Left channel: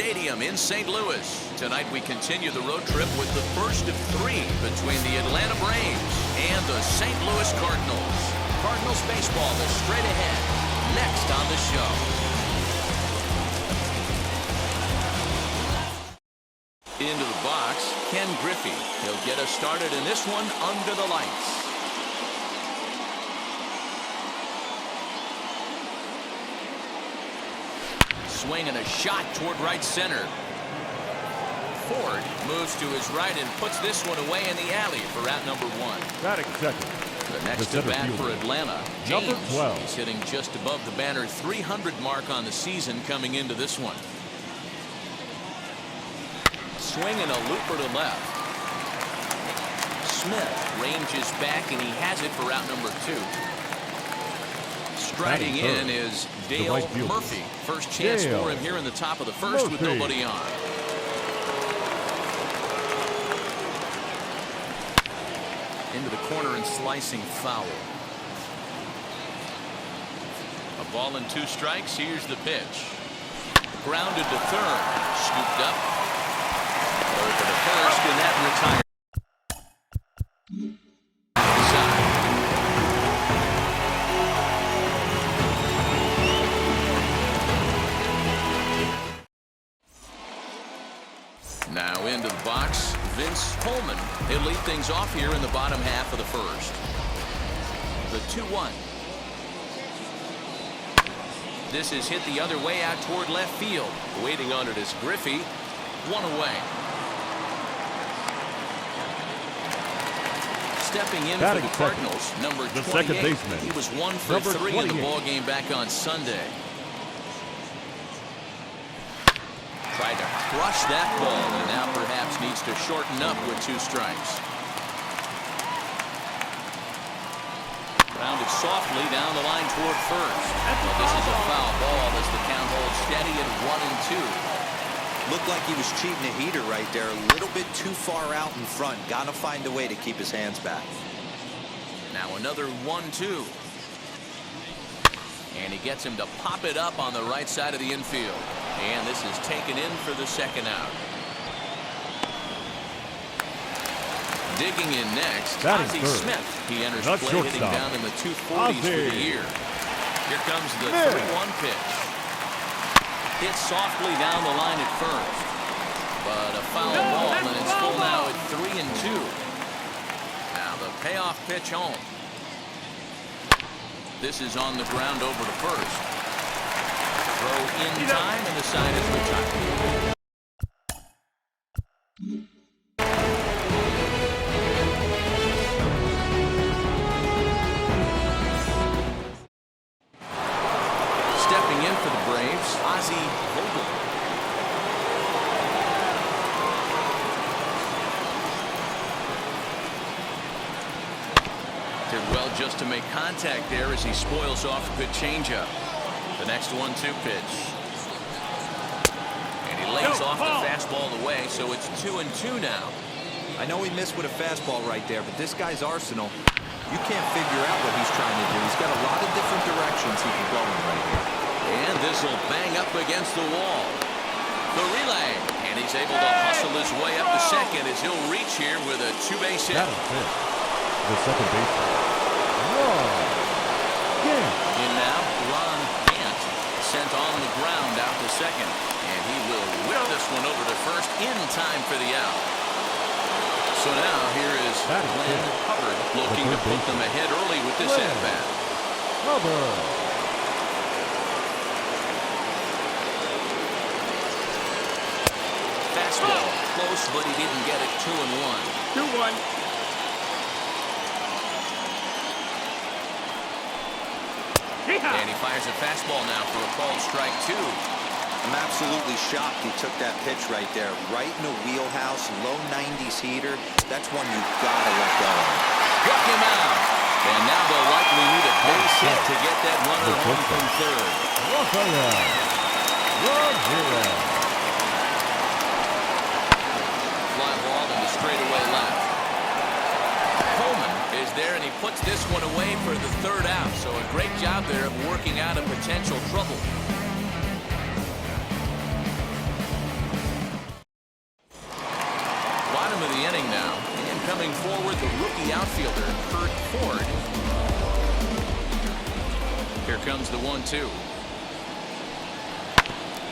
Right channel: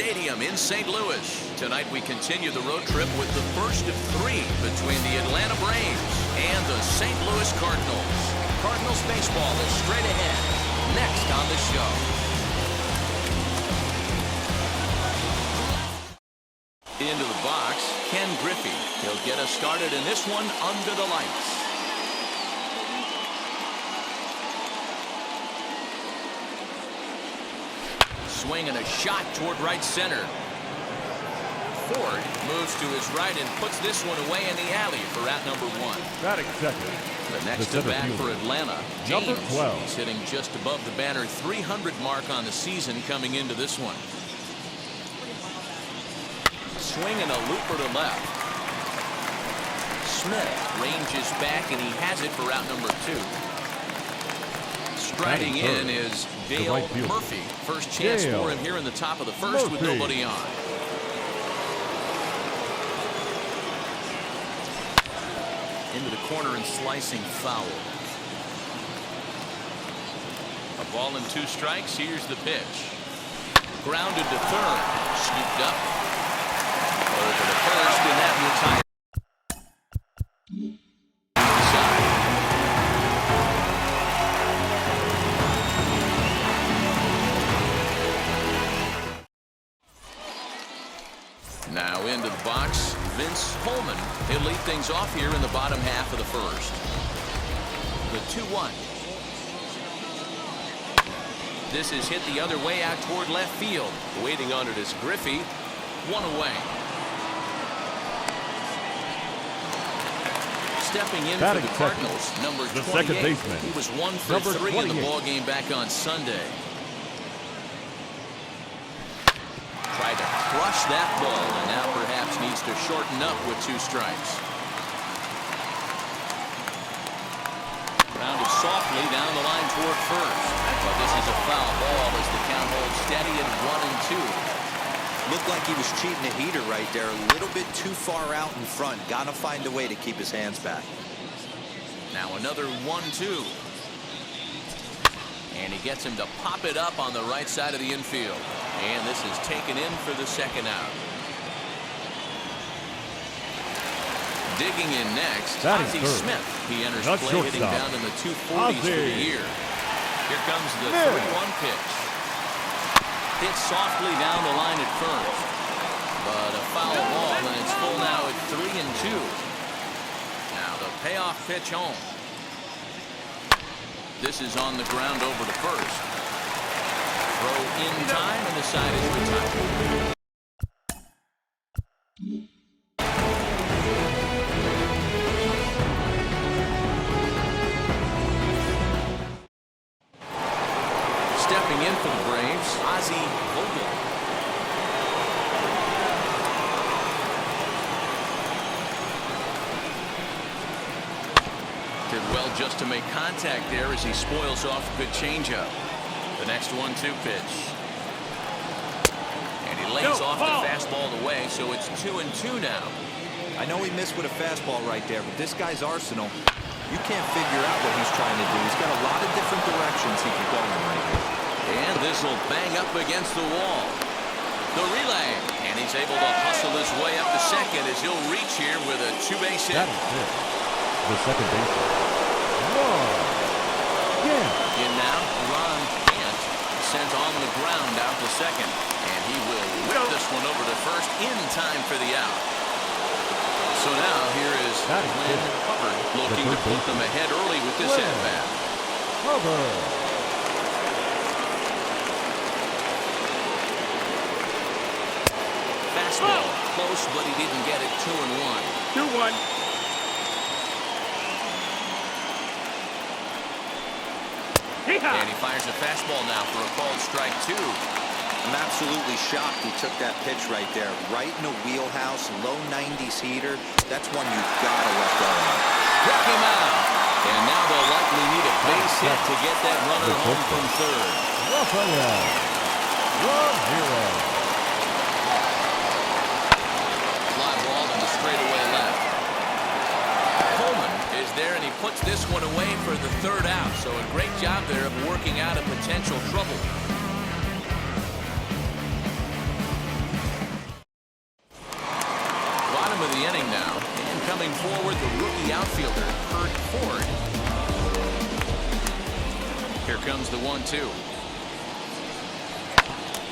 Stadium in St. Louis. Tonight we continue the road trip with the first of 3 between the Atlanta Braves and the St. Louis Cardinals. Cardinals baseball is straight ahead next on the show. Into the box, Ken Griffey. He'll get us started in this one under the lights. Swing and a shot toward right center. Ford moves to his right and puts this one away in the alley for out number 1. Batting second. The next to bat for Atlanta, James. Number 12. He's hitting just above the banner 300 mark on the season coming into this one. Swing and a looper to left. Smith ranges back and he has it for out number 2. Striding in is Dale Murphy. First chance for him here in the top of the first with nobody on. Into the corner and slicing foul. A ball and 2 strikes. Here's the pitch. Grounded to third. Scooped up. Over to first, and that retired. Now into the box, Vince Coleman. He'll lead things off here in the bottom half of the first. The 2-1. This is hit the other way out toward left field. Waiting on it is Griffey. 1 away. Stepping in for the Cardinals, number 28. Second baseman. He was 1 for 3 in the ball game back on Sunday. Tried to crush that ball and now perhaps needs to shorten up with 2 strikes. Grounded softly down the line toward first. But this is a foul ball as the count holds steady at 1-2. Looked like he was cheating a heater right there. A little bit too far out in front. Gotta find a way to keep his hands back. Now another 1-2. And he gets him to pop it up on the right side of the infield. And this is taken in for the second out. Digging in next, Ozzie Smith. He enters play hitting down in the 240s for the year. Here comes the 3-1 pitch. Hit softly down the line at first. But a foul ball, and it's full now at 3-2. Now the payoff pitch home. This is on the ground over to first. Throw in time, and the side is retired. Stepping in for the Braves, Ozzie Vogel. Did well just to make contact there as he spoils off a good changeup. The next 1-2 pitch. And he lays off the fastball away, so it's 2-2 now. I know he missed with a fastball right there, but this guy's arsenal, you can't figure out what he's trying to do. He's got a lot of different directions he can go in right here. And this will bang up against the wall. The relay. And he's able to hustle his way up to second as he'll reach here with a 2-base hit. The second baseman. In now, Ron Gant sent on the ground out to second. And he will whip this one over to first in time for the out. So now here is Glenn Hubbard looking to put them ahead early with this at-bat. Hubbard. Fastball close, but he didn't get it. 2-1. 2-1. And he fires a fastball now for a called strike 2. I'm absolutely shocked he took that pitch right there. Right in the wheelhouse, low 90s heater. That's one you gotta let go of. Struck him out. And now they'll likely need a base hit to get that runner home from third. Rafael Ramirez. Fly ball in the straightaway left. Coleman is there, and he puts this one away for the third out. So a great job there of working out a potential trouble. Bottom of the inning now, and coming forward, the rookie outfielder, Kurt Ford. Here comes the 1-2.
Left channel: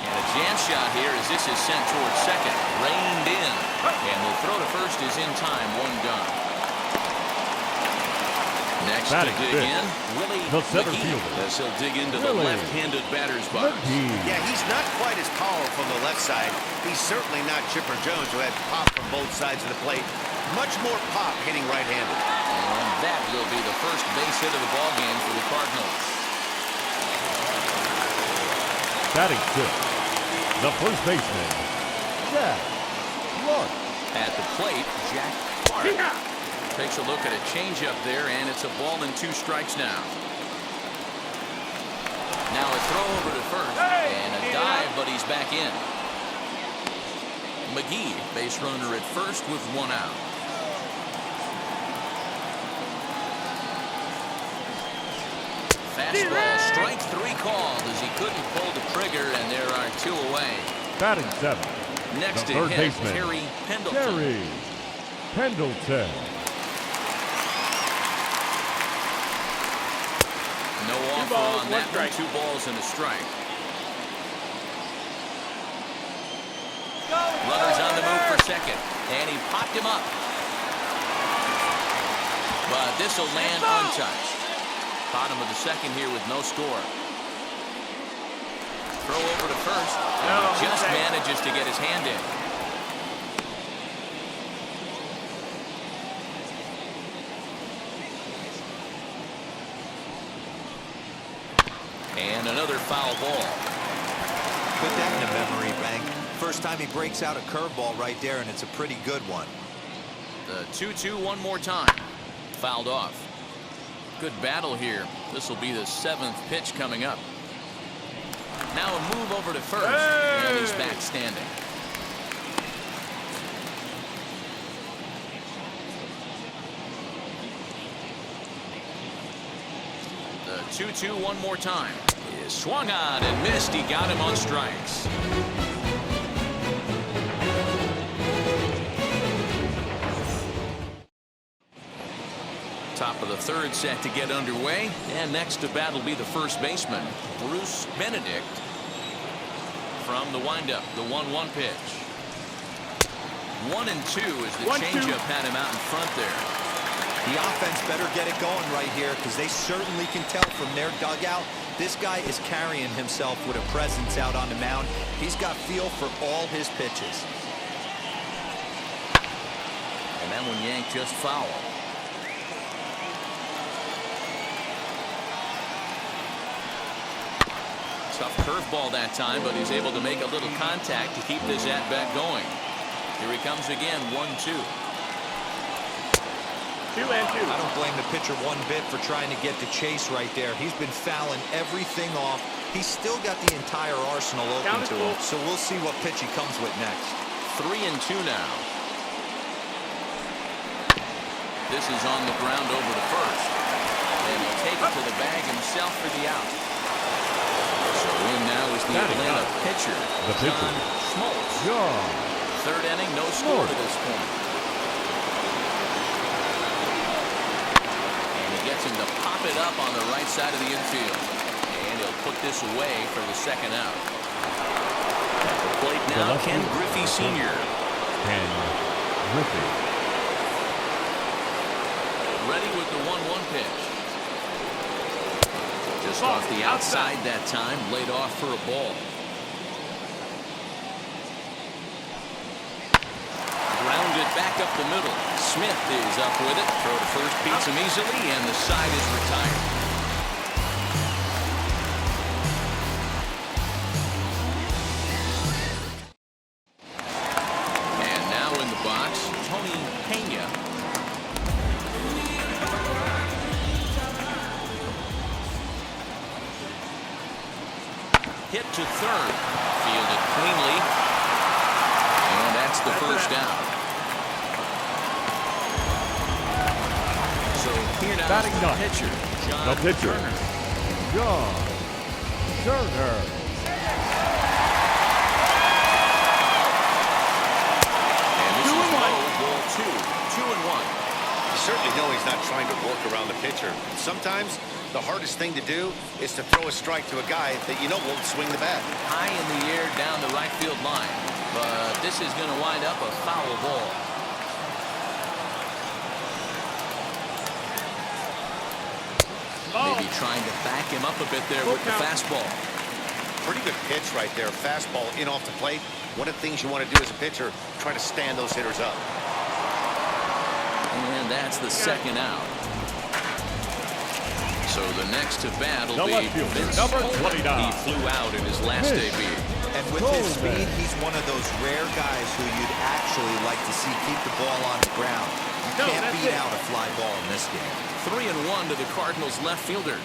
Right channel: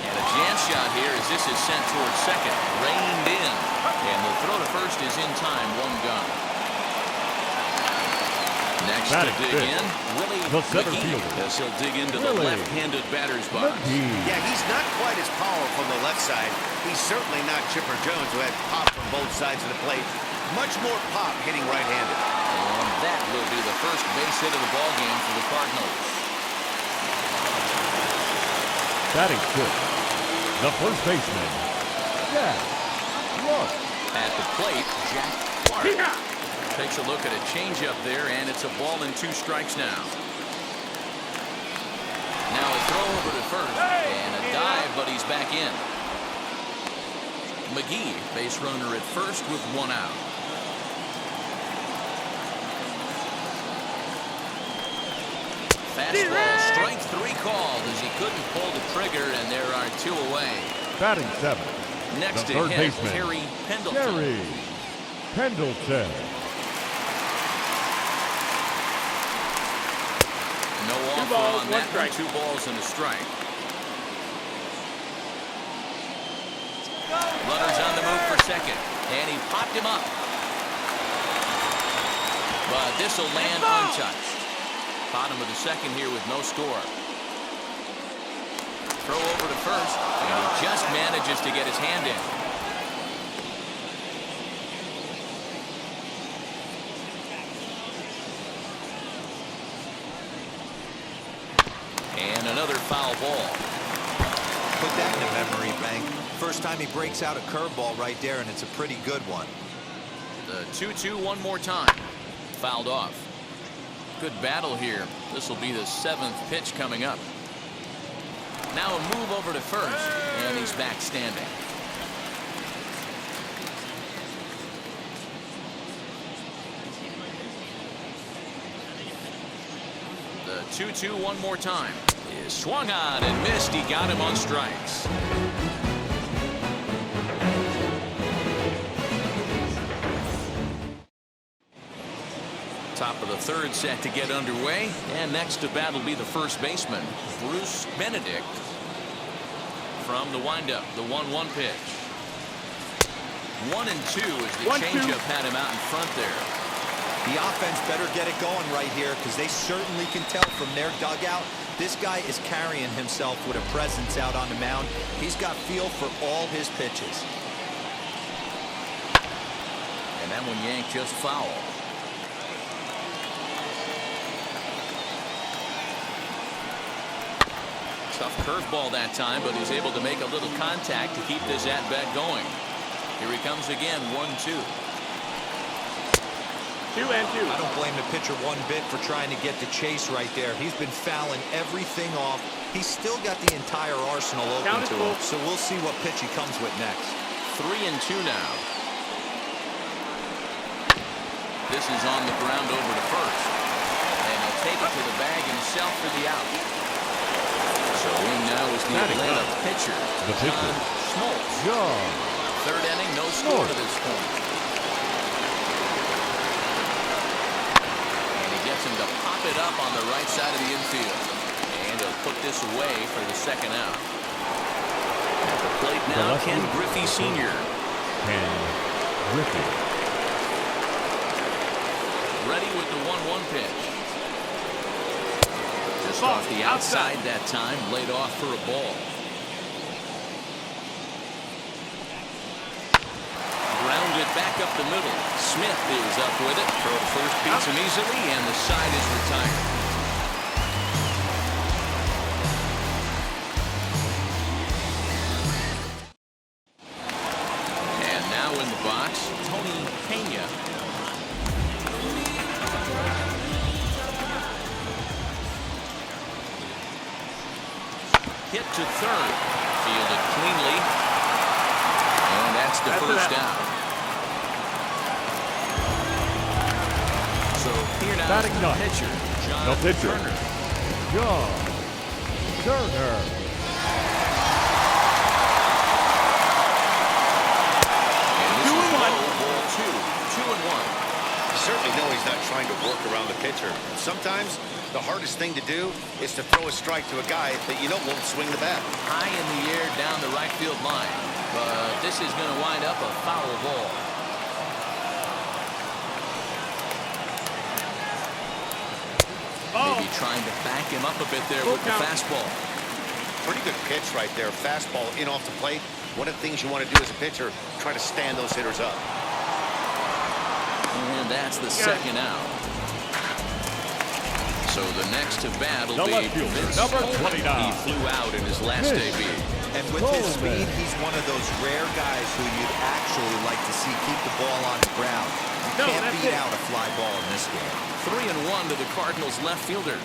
And a jam shot here as this is sent towards second. Reined in. And the throw to first is in time. One gone. Next to dig in, Willie McGee, as he'll dig into the left-handed batter's box. Yeah, he's not quite as powerful on the left side. He's certainly not Chipper Jones, who had pop from both sides of the plate. Much more pop hitting right-handed. And that will be the first base hit of the ballgame for the Cardinals. Batting fifth, the first baseman, Jack Clark. At the plate, Jack Clark. Yeah. Takes a look at a changeup there, and it's a ball and 2 strikes now. Now a throw over to first, and a dive, but he's back in. McGee, base runner at first with 1 out. Fastball, strike 3 called as he couldn't pull the trigger, and there are 2 away. Batting seventh, next the to third hit, baseman, Terry Pendleton. Terry Pendleton. No offer on that one. 2 balls and a strike. Runners on the move for second, and he popped him up. But this will land untouched. Bottom of the second here with no score. Throw over to first, and he just manages to get his hand in. And another foul ball. Put that in a memory bank. First time he breaks out a curveball right there, and it's a pretty good one. The 2-2 one more time. Fouled off. Good battle here. This will be the 7th pitch coming up. Now a move over to first, and he's back standing. The 2-2 one more time. Is swung on and missed. He got him on strikes. Top of the 3rd set to get underway, and next to bat will be the first baseman, Bruce Benedict. From the windup, the 1-1 pitch. 1-2 as the changeup had him out in front there. The offense better get it going right here, because they certainly can tell from their dugout this guy is carrying himself with a presence out on the mound. He's got feel for all his pitches. And that one yanked just foul. Tough curveball that time, but he's able to make a little contact to keep this at-bat going. Here he comes again, 1-2. 2-2. I don't blame the pitcher one bit for trying to get the chase right there. He's been fouling everything off. He's still got the entire arsenal open to him, so we'll see what pitch he comes with next. 3-2 now. This is on the ground over to first, and he'll take it to the bag himself for the out. So in now is the Atlanta pitcher, John Smoltz. 3rd inning, no score to this point. And he gets him to pop it up on the right side of the infield. And he'll put this away for the 2nd out. At the plate now, Ken Griffey Sr. Ken Griffey. Ready with the 1-1 pitch. Just off the outside that time, laid off for a ball. Grounded back up the middle. Smith is up with it. Throw to first beats him easily, and the side is retired. And now in the box, Tony Pena. Hit to 3rd, fielded cleanly, and that's the first out. So here now is the pitcher, John Turner. John Turner. And this is low, 2-1. You certainly know he's not trying to work around the pitcher. Sometimes the hardest thing to do is to throw a strike to a guy that you know won't swing the bat. High in the air down the right field line. But this is going to wind up a foul ball. Maybe trying to back him up a bit there with the fastball. Pretty good pitch right there. Fastball in off the plate. One of the things you want to do as a pitcher, try to stand those hitters up. And that's the second out. So the next to bat will be Vince number Smoltz. 29. He flew out in his last debut. And with his speed, he's one of those rare guys who you'd actually like to see keep the ball on the ground. You can't beat out a fly ball in this game. 3-1 to the Cardinals left fielder.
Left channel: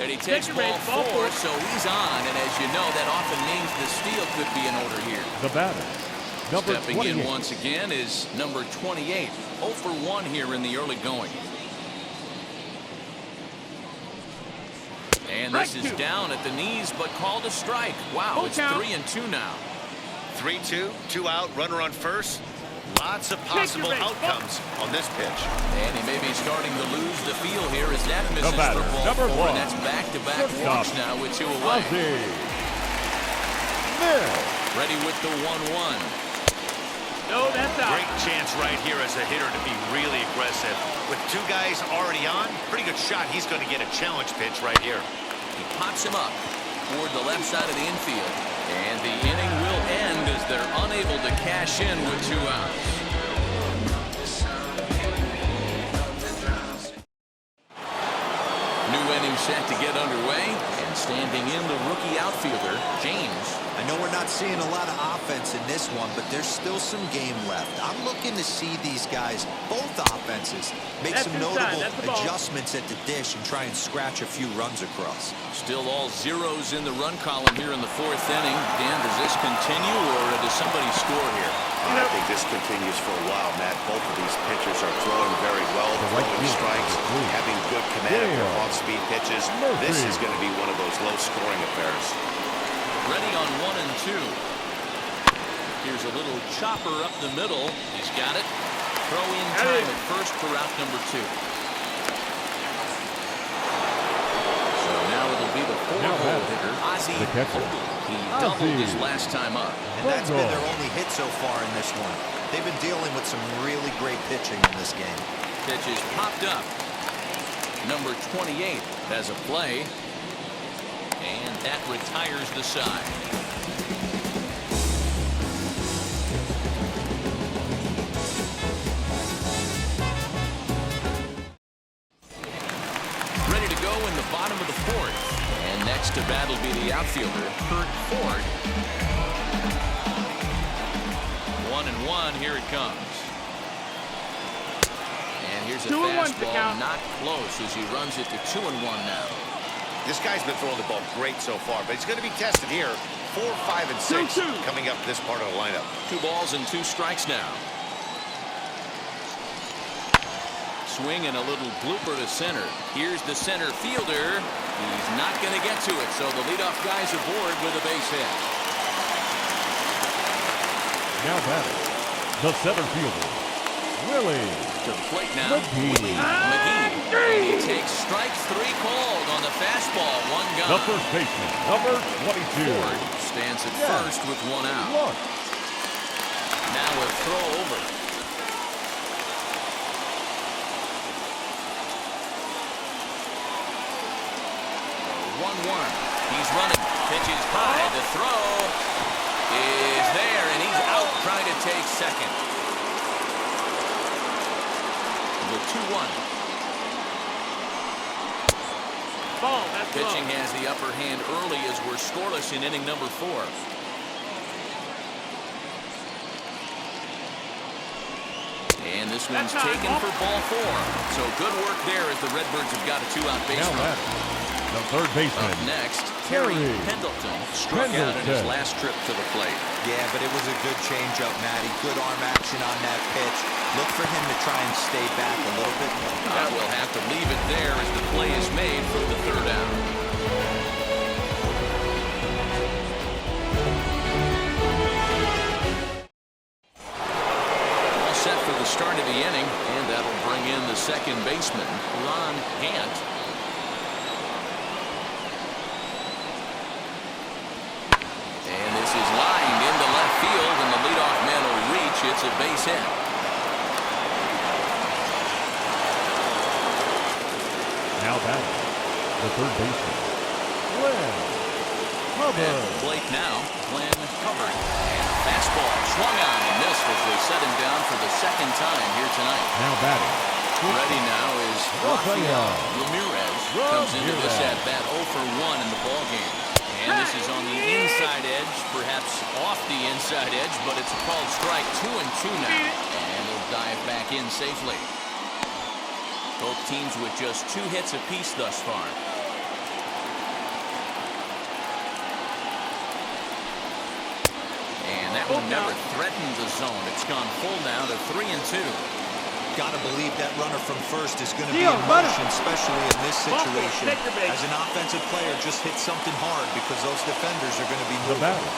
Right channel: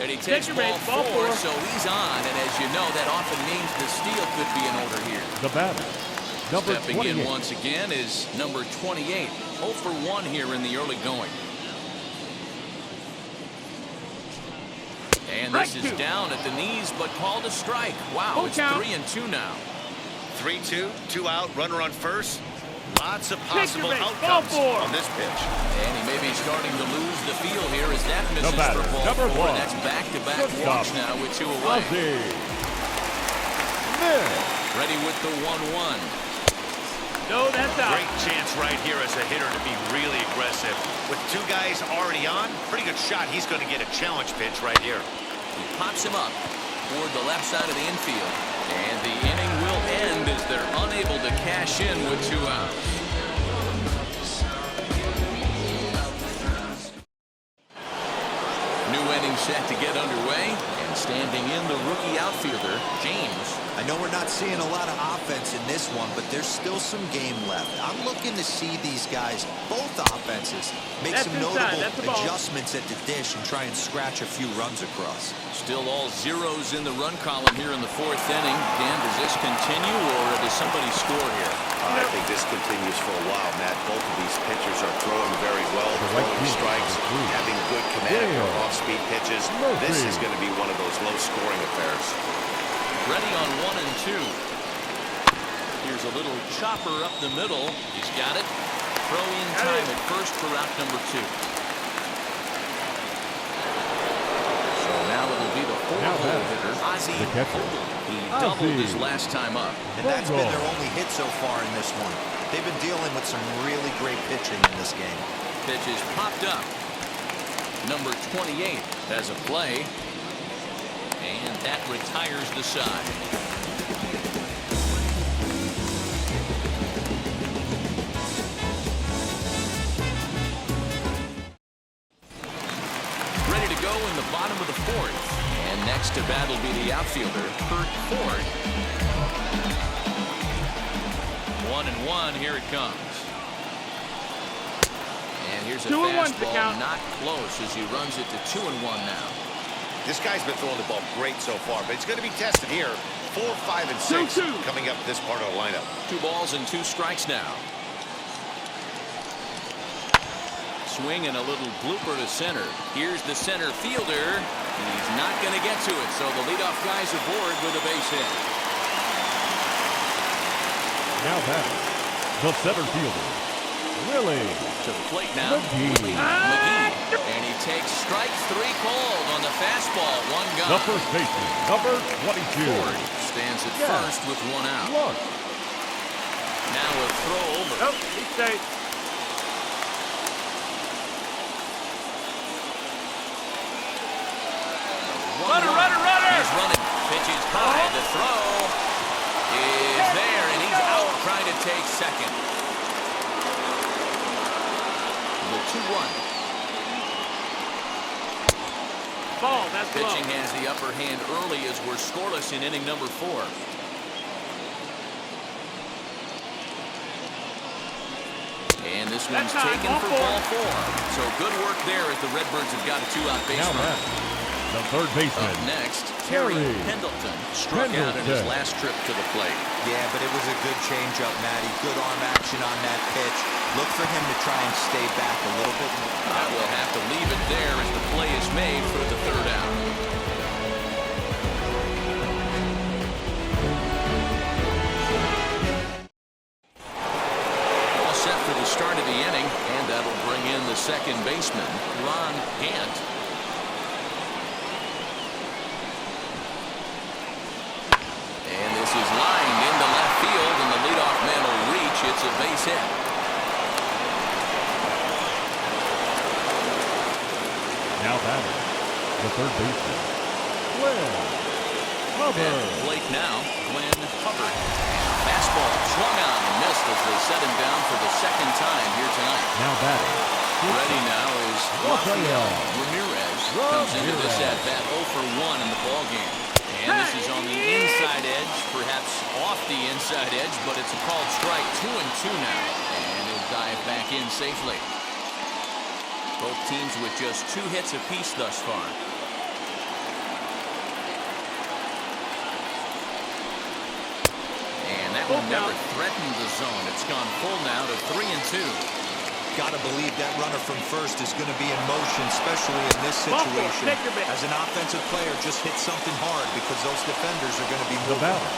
And he takes ball 4, so he's on. And as you know, that often means the steal could be in order here. The batter, number Stepping 28. in once again is number 28. 0 for 1 here in the early going. And this is down at the knees, but called a strike. Wow, it's 3-2 now. 3-2, 2 out, runner on first. Lots of possible outcomes on this pitch. And he may be starting to lose the feel here as that misses batter, for ball number 4. 1. And that's back-to-back walks now with 2 away. Ready with the 1-1. No, that's out. Great chance right here as a hitter to be really aggressive. With 2 guys already on, pretty good shot. He's going to get a challenge pitch right here. He pops him up toward the left side of the infield. And the inning will end as they're unable to cash in with 2 outs. New inning set to get underway. And standing in the rookie outfielder, James. I know we're not seeing a lot of offense in this one, but there's still some game left. I'm looking to see these guys, both offenses, make some notable adjustments at the dish and try and scratch a few runs across. Still all zeros in the run column here in the 4th inning. Dan, does this continue or does somebody score here? I think this continues for a while, Matt. Both of these pitchers are throwing very well, throwing strikes, having good command of their off-speed pitches. This is going to be one of those low-scoring affairs. Ready on 1 and 2. Here's a little chopper up the middle. He's got it. Throw in time at first for out number 2. So now it'll be the 4-hole hitter, Ozzie Vogel. He doubled his last time up. And that's been their only hit so far in this one. They've been dealing with some really great pitching in this game. Pitch is popped up. Number 28 has a play. And that retires the side. Ready to go in the bottom of the 4th. And next to bat will be the outfielder, Kurt Ford. 1-1, here it comes. And here's a fastball, not close as he runs it to 2-1 now. This guy's been throwing the ball great so far, but he's going to be tested here. 4, 5, and 6 coming up this part of the lineup. 2 balls and 2 strikes now. Swing and a little blooper to center. Here's the center fielder. He's not going to get to it, so the leadoff guy's aboard with a base hit. Now batting, the center fielder, Willie. To the plate now, Willie McGee. And he takes strike 3 called on the fastball. 1 gone. The first baseman, number 22. Ford stands at first with 1 out. Look. Now a throw over. 1-1. He's running. Pitch is high. The throw is there, and he's out trying to take second. The 2-1. Ball, that's pitching has the upper hand early as we're scoreless in inning number 4. And this one's taken for ball 4. So good work there as the Redbirds have got a 2-out base run. The third baseman. Up next, Terry Pendleton struck out in his last trip to the plate. Yeah, but it was a good changeup, Matty. Good arm action on that pitch. Look for him to try and stay back a little bit more. I will have to leave it there as the play is made for the 3rd out. start of the inning, and that'll bring in the second baseman, Ron Gant. And this is lined into left field, and the leadoff man will reach. It's a base hit. Now batting, the third baseman, Glenn Hubbard. At the plate now, Glenn Hubbard. And a fastball swung on and missed as they set him down for the second time here tonight. Now batting. Ready now is Rafael Ramirez. Comes into this at bat 0 for 1 in the ball game. And this is on the inside edge, perhaps off the inside edge, but it's a called strike. 2-2 now. And he'll dive back in safely. Both teams with just 2 hits apiece thus far. And that one never threatened the zone. It's gone full now to 3-2. Got to believe that runner from first is going to be in motion, especially in this situation. As an offensive player, just hit something hard because those defenders are going to be moving. The batter,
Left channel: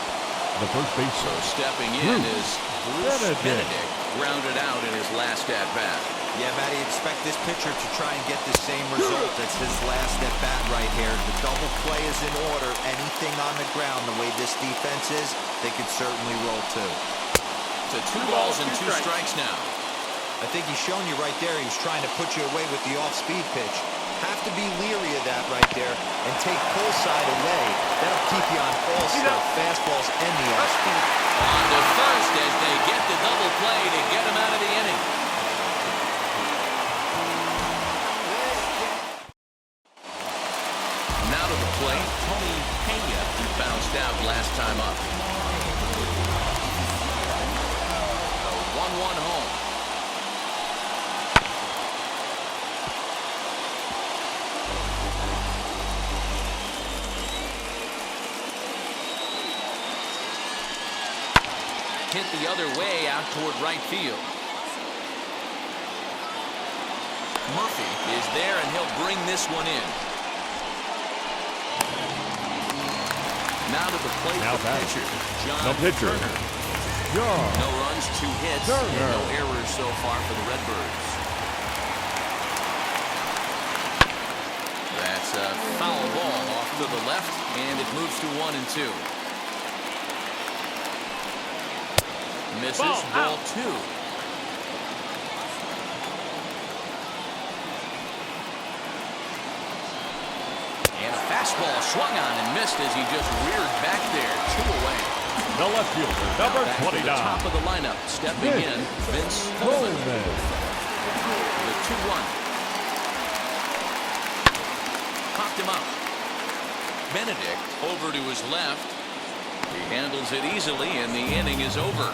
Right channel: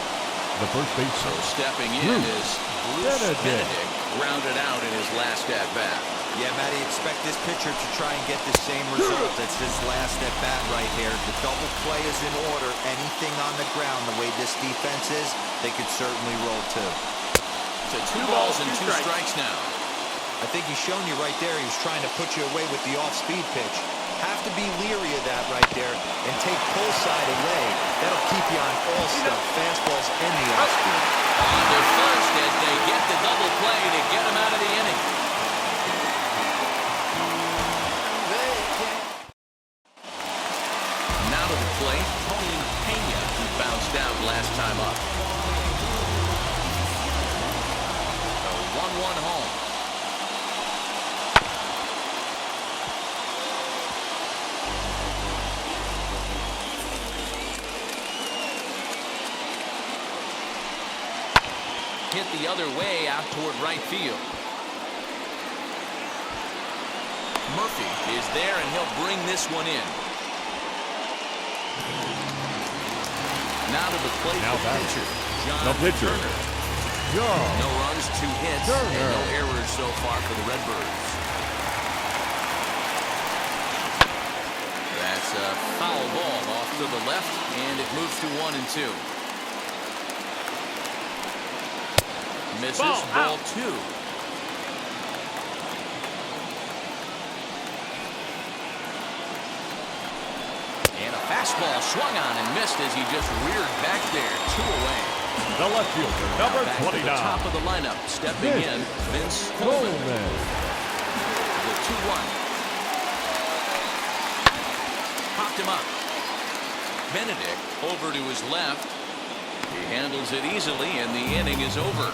the first base. So stepping in is Bruce Benedict, grounded out in his last at-bat. Yeah, Matty, expect this pitcher to try and get the same result. That's his last at-bat right here. The double play is in order. Anything on the ground, the way this defense is, they could certainly roll too. To 2 balls and 2 strikes now. I think he's shown you right there. He was trying to put you away with the off-speed pitch. Have to be leery of that right there and take pull side away. That'll keep you on all stuff, fastballs and the off-speed. On to first as they get the double play to get him out of the inning. Now to the plate, Tony Pena, who bounced out last time up. A 1-1 home. Hit the other way out toward right field. Murphy is there, and he'll bring this one in. Now to the plate, now the pitcher, John Turner. No runs, 2 hits, and no errors so far for the Redbirds. That's a foul ball off to the left, and it moves to 1-2. Misses, ball 2. And a fastball swung on and missed as he just reared back there. 2 away. The left fielder, number 29. To the top of the lineup, stepping in, Vince Coleman. The 2-1. Popped him up. Benedict over to his left. He handles it easily, and the inning is over.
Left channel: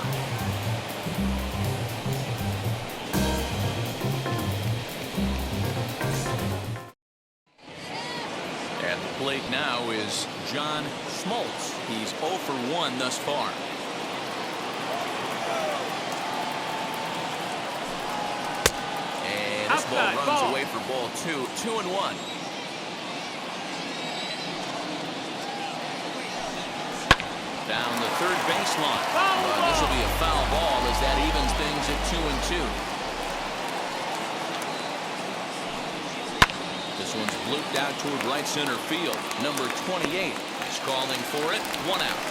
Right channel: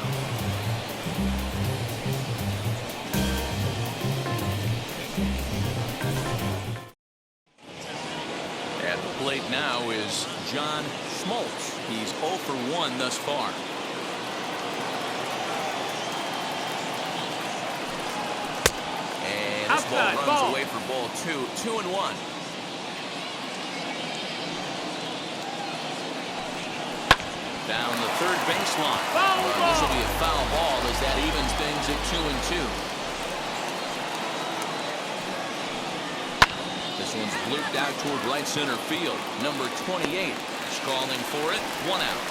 At the plate now is John Smoltz. He's 0 for 1 thus far. And this ball runs away for ball 2. 2-1. Down the third baseline. This will be a foul ball as that evens things at 2-2. This one's blooped out toward right center field. Number 28 is calling for it. 1 out.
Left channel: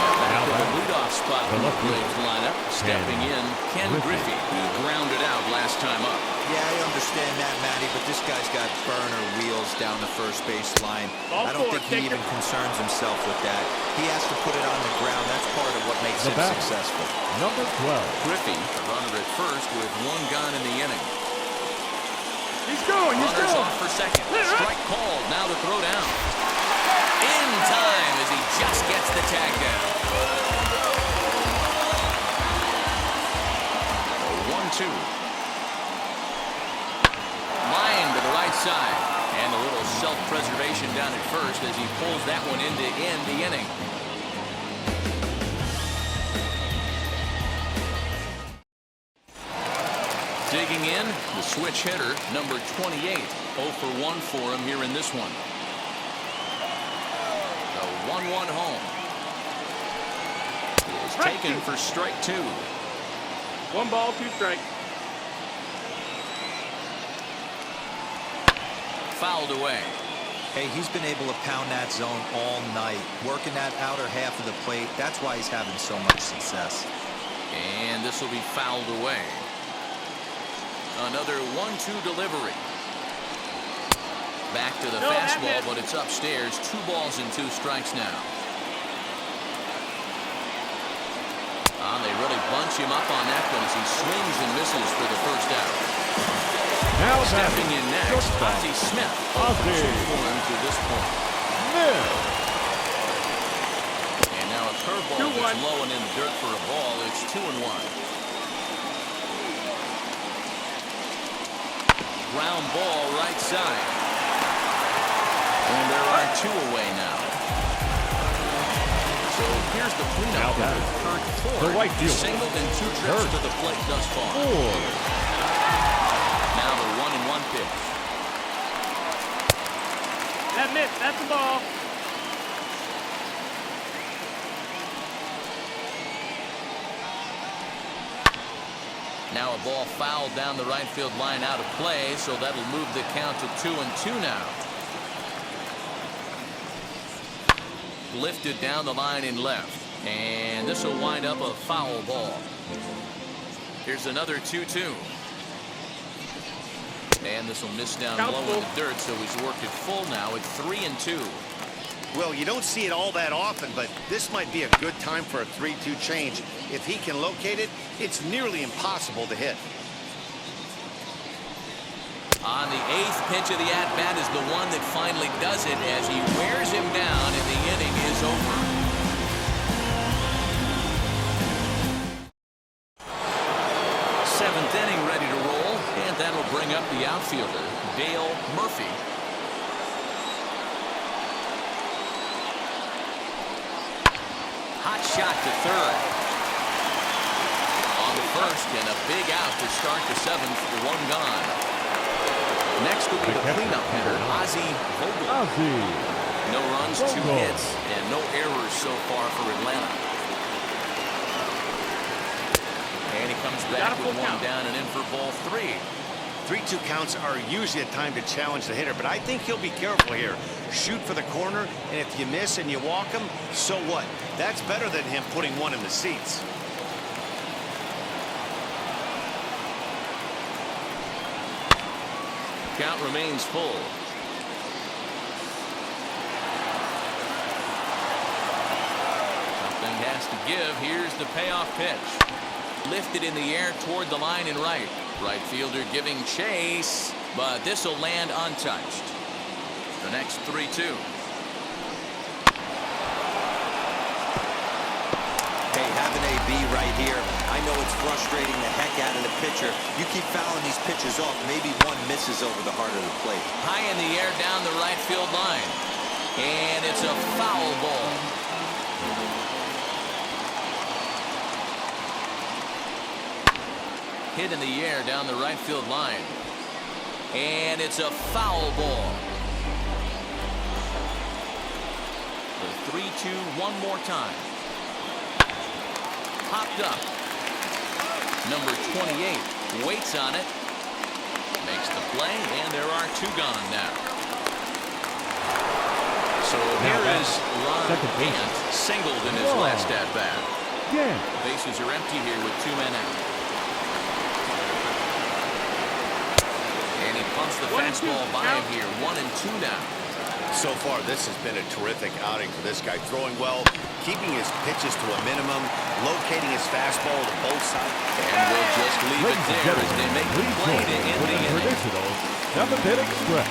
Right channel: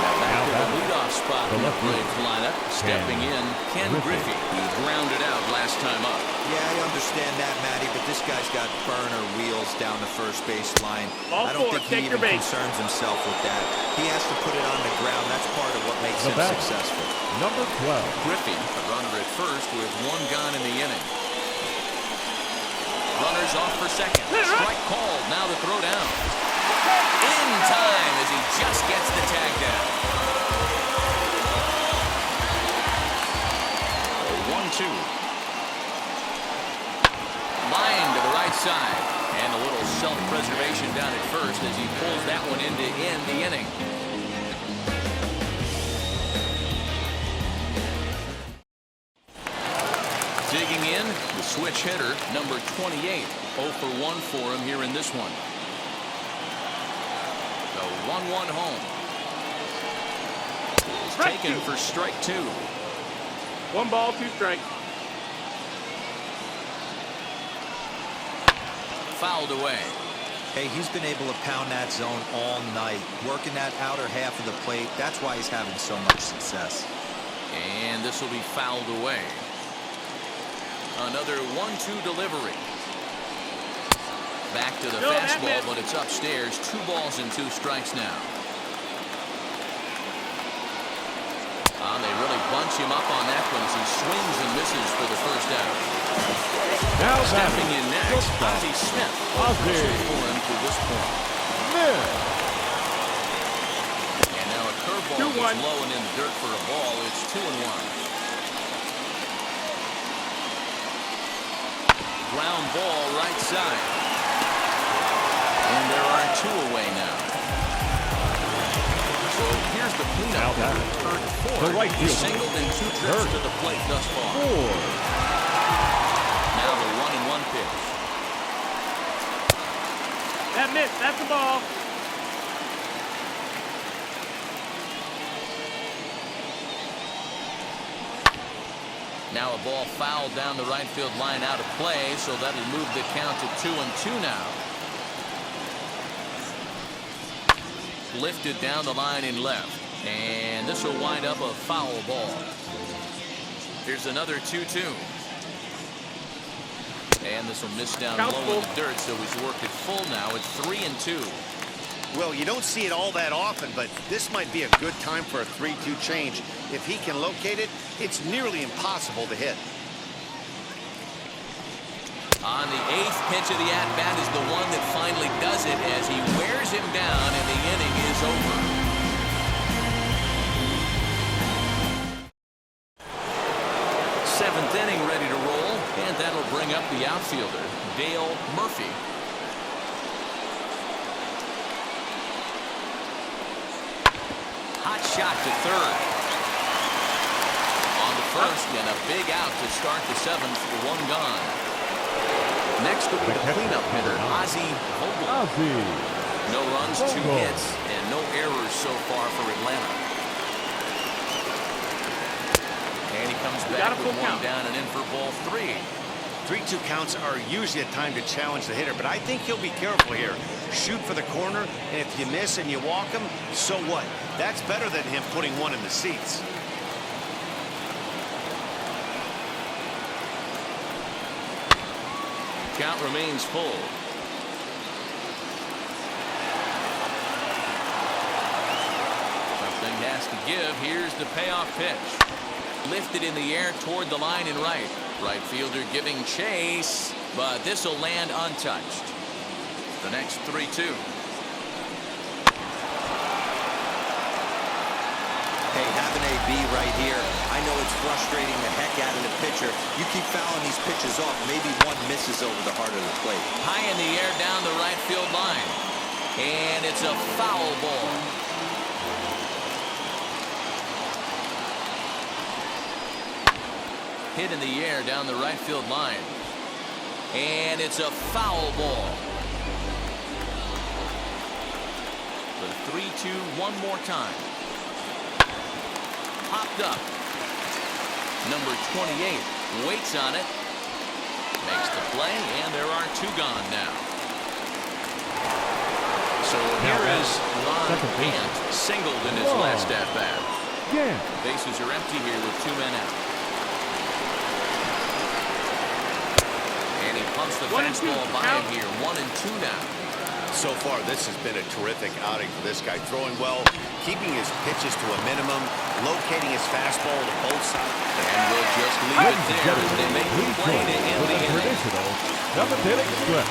Now back to the leadoff spot in the Braves lineup. Stepping in, Ken Griffey. He grounded out last time up. Yeah, I understand that, Matty, but this guy's got burner wheels down the first baseline. I don't think he even concerns himself with that. He has to put it on the ground. That's part of what makes him successful. Number 12. Griffey, a runner at first with 1 gone in the inning. Runners off for second. Strike called. Now the throw down. In time as he just gets the tag down. 1-2. Line to the right side. And a little self-preservation down at first as he pulls that one in to end the inning. Digging in, the switch hitter, number 28. 0 for 1 for him here in this one. The 1-1 home is taken for strike 2. 1 ball, 2 strikes. Fouled away. Hey, he's been able to pound that zone all night, working that outer half of the plate. That's why he's having so much success. And this will be fouled away. Another 1-2 delivery. Back to the fastball, but it's upstairs. 2 balls and 2 strikes now. They really bunch him up on that one as he swings and misses for the first out. Now stepping in next, Ozzie Smith. Over 2 for him to this point. And now a curveball that's low and in the dirt for a ball. It's 2-1. Ground ball right side. And there are 2 away now. So here's the cleanup hitter, Kurt Ford. The right fielder. Singled in 2 trips to the plate thus far. Now the 1-1 pitch. That missed. That's the ball. Now a ball fouled down the right field line out of play, so that'll move the count to 2-2 now. Lifted down the line in left, and this will wind up a foul ball. Here's another 2-2. And this will miss down low in the dirt, so he's worked it full now. It's 3-2. Well, you don't see it all that often, but this might be a good time for a 3-2 change. If he can locate it, it's nearly impossible to hit. On the 8th pitch of the at-bat is the one that finally does it as he wears him down, and the inning is over. Seventh inning ready to roll, and that'll bring up the outfielder, Dale Murphy. Hot shot to third. On the first, and a big out to start the 7th, 1 gone. Next will be the cleanup hitter, Ozzie Vogel. No runs, 2 hits, and no errors so far for Atlanta. And he comes back with 1 down and in for ball 3. 3-2 counts are usually a time to challenge the hitter, but I think he'll be careful here. Shoot for the corner, and if you miss and you walk him, so what? That's better than him putting 1 in the seats. Count remains full. Something has to give. Here's the payoff pitch. Lifted in the air toward the line and right. Right fielder giving chase, but this will land untouched. The next 3-2. Hey, have an AB right here. I know it's frustrating the heck out of the pitcher. You keep fouling these pitches off, maybe 1 misses over the heart of the plate. High in the air down the right field line. And it's a foul ball. Hit in the air down the right field line. And it's a foul ball. The 3-2 one more time. Popped up. Number 28 waits on it. Makes the play, and there are 2 gone now. So here is Ron Gant, singled in his last at-bat. Bases are empty here with 2 men out. And he pumps the fastball by him here. 1-2 now. So far, this has been a terrific outing for this guy. Throwing well, keeping his pitches to a minimum, locating his fastball to both sides. And we'll just leave it there as they make the play to end the inning. Traditional 7th inning stretch.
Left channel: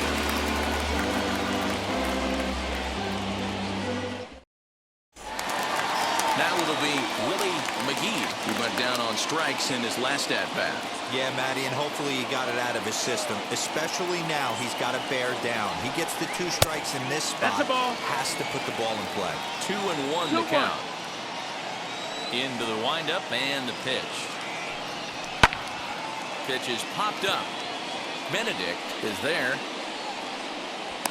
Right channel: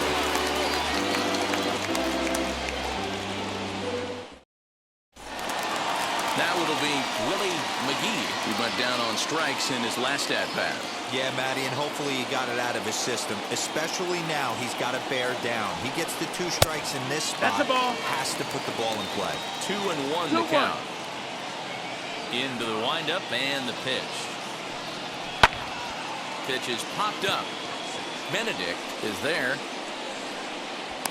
Now it'll be Willie McGee, who went down on strikes in his last at-bat. Yeah, Matty, and hopefully he got it out of his system. Especially now, he's got to bear down. He gets the 2 strikes in this spot. That's a ball. Has to put the ball in play. 2-1 to count. Into the windup and the pitch. Pitch is popped up. Benedict is there.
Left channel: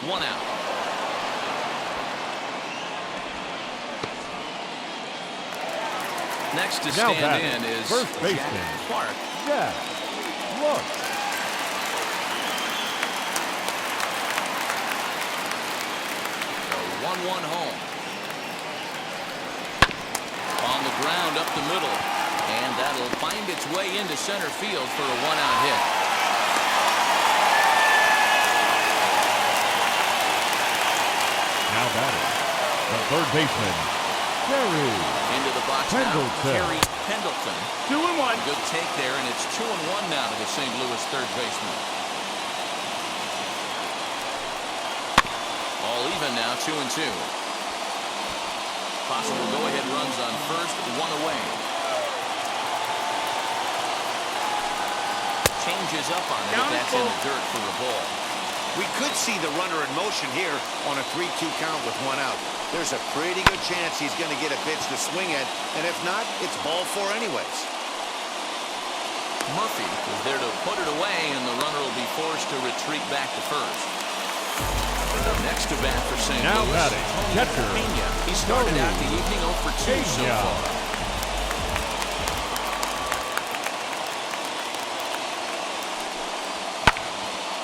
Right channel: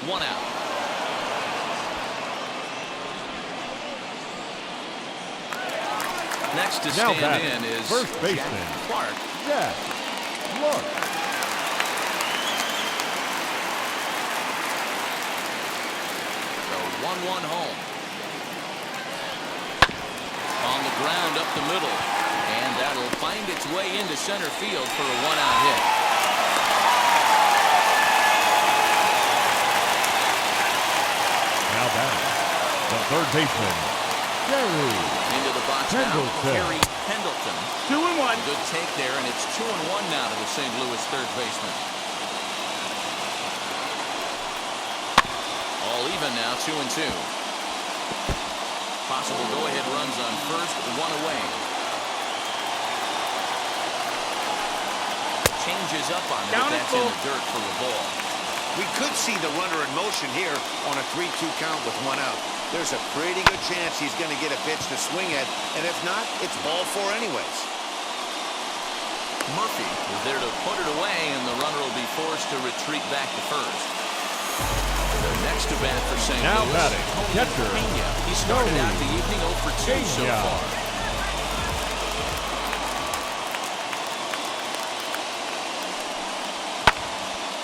1 out. Next to Now stand batting, in is first baseman, Jack Clark. Jack Clark. The 1-1 home. On the ground up the middle. And that'll find its way into center field for a 1-out hit. Now batting, the third baseman, Gary Into the box Pendleton. now, Kerry Pendleton. 2-1. Good take there, and it's 2-1 now to the St. Louis third baseman. All even now, 2-2. Possible go-ahead runs on first, one away. Changes up on it, but that's in the dirt for a ball. We could see the runner in motion here on a 3-2 count with 1 out. There's a pretty good chance he's going to get a pitch to swing at, and if not, it's ball 4 anyways. Murphy is there to put it away, and the runner will be forced to retreat back to first. Next to bat for St. Now Louis, batting, Tony catcher, Pena. He started Tony out the evening 0 for 2 so Pena. far.